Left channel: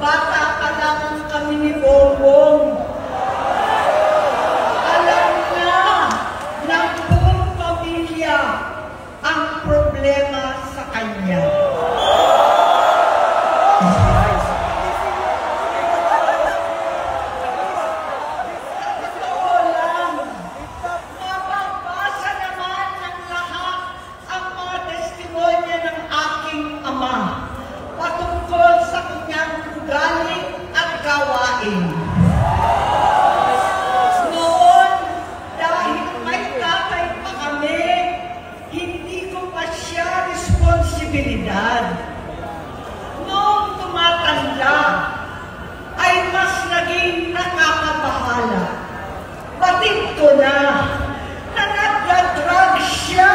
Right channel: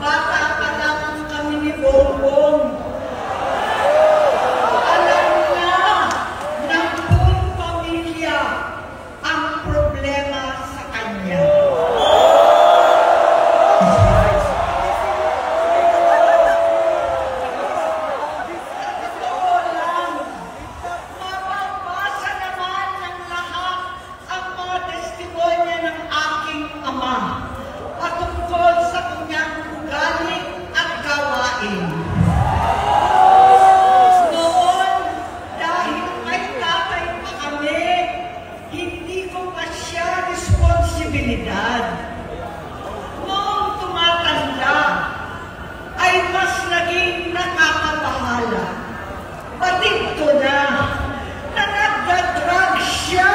Bata pa lamang kami ni Bongbong. Alam na ng buong pamilya ang problema sa kanya. Totoo lang, mababasa naman ng lahat ang mga testimonya ng aking ama patungkol sa kanyang ugali at gawain. Noon, dahil may tatay pa kami, hindi ko pa siya responsibilidad. Noong tumatanda, ay mas naging nakakabahala. Batid ko na nagdadrag siya.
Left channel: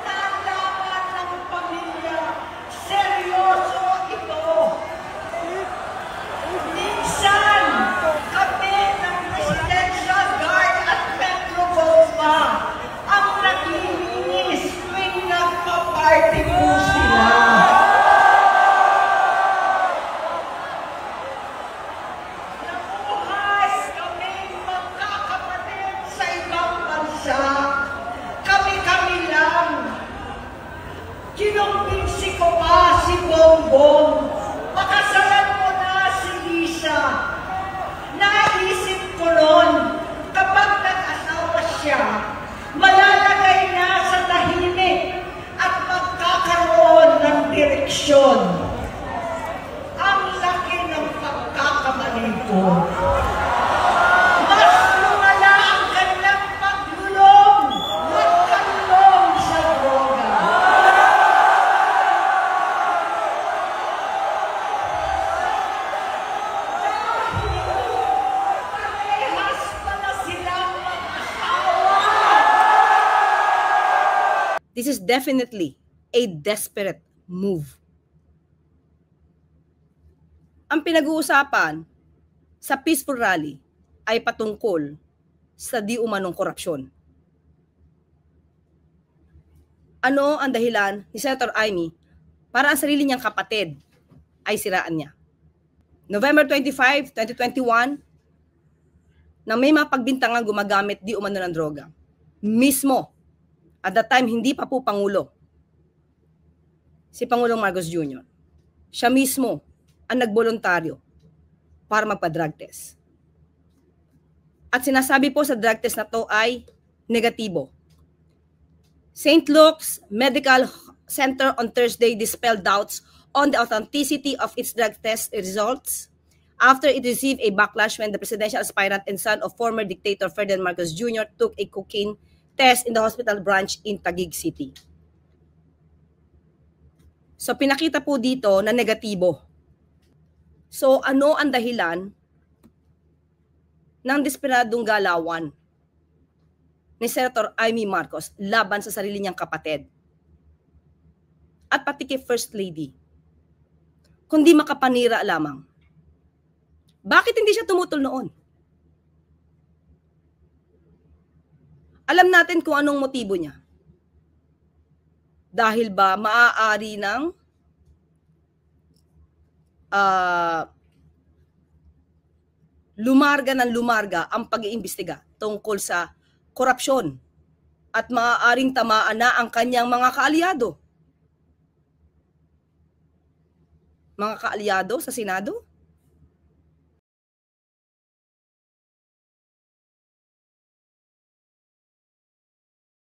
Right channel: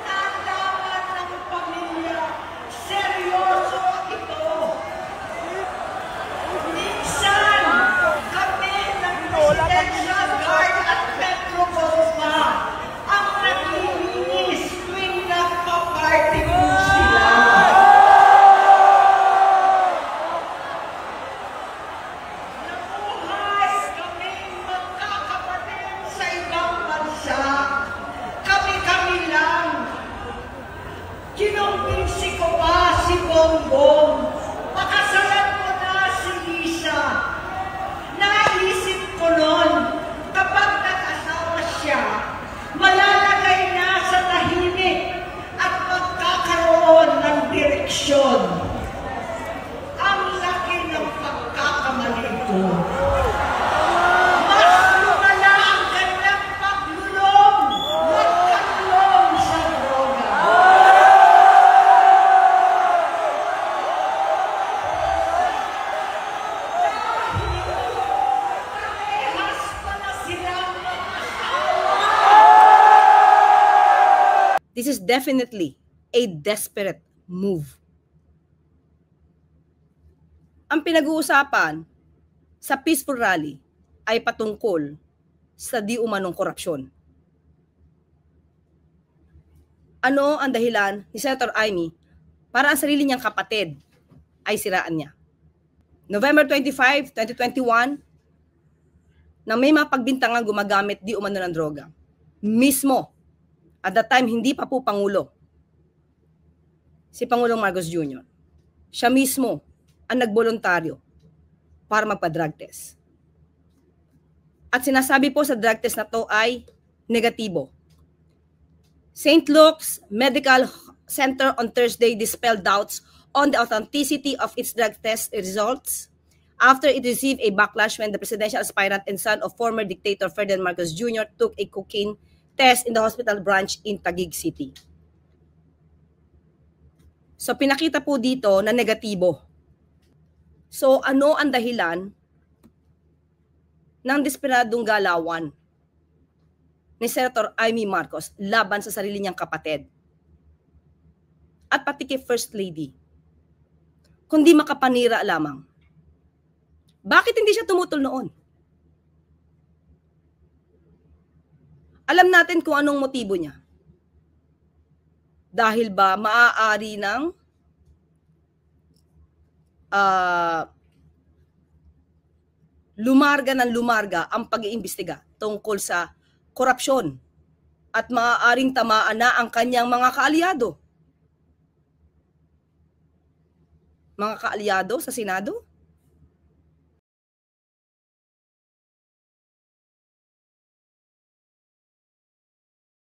Nalaman ng pamilya, seryoso ito. Minsan, kami ng Presidential Guard at Metro Golfa ang naglilinis tuwing nagpa-party po sila. Nabuhay kaming magkakapatid sa ibang bansa. Kami-kami lang. Kinumbinsi ko pa si Bongbong. Pakasalan mo na si Lisa. Naisip ko noon, kapag nag-asawa siya, malalagay na sa tahimik at magkakaroon ng direksyon. Ang laki ng pagkakamali ko. Mas lumala ang kanyang paglulong, magkalulong sa droga. Parehas pa na silang mag-asawa. This is definitely a desperate move. Ang pinag-uusapan sa peaceful rally ay patungkol sa di umanong korupsyon. Ano ang dahilan ni Senator Amy para ang sarili niyang kapatid ay siraan niya? November 25, 2021, na may mga pagbintangang gumagamit di umano ng droga. Mismo, at that time hindi pa po Pangulo, si Pangulong Marcos Jr. Siya mismo ang nagboluntaryo para magpa-drug test. At sinasabi po sa drug test na to ay negatibo. St. Luke's Medical Center on Thursday dispelled doubts on the authenticity of its drug test results after it received a backlash when the presidential aspirant and son of former dictator Ferdinand Marcos Jr. took a cocaine test in the hospital branch in Taguig City. So pinakita po dito na negatibo. So ano ang dahilan ng desperadong galawan ni Senator Amy Marcos laban sa sarili niyang kapatid at pati kay First Lady, kundi makapanira lamang? Bakit hindi siya tumutol noon? Alam natin kung anong motibo niya. Dahil ba maaari ng lumarga ang pag-iimbestiga tungkol sa korupsyon at maaaring tamaan na ang kanyang mga kaalyado. Mga kaalyado sa Senado?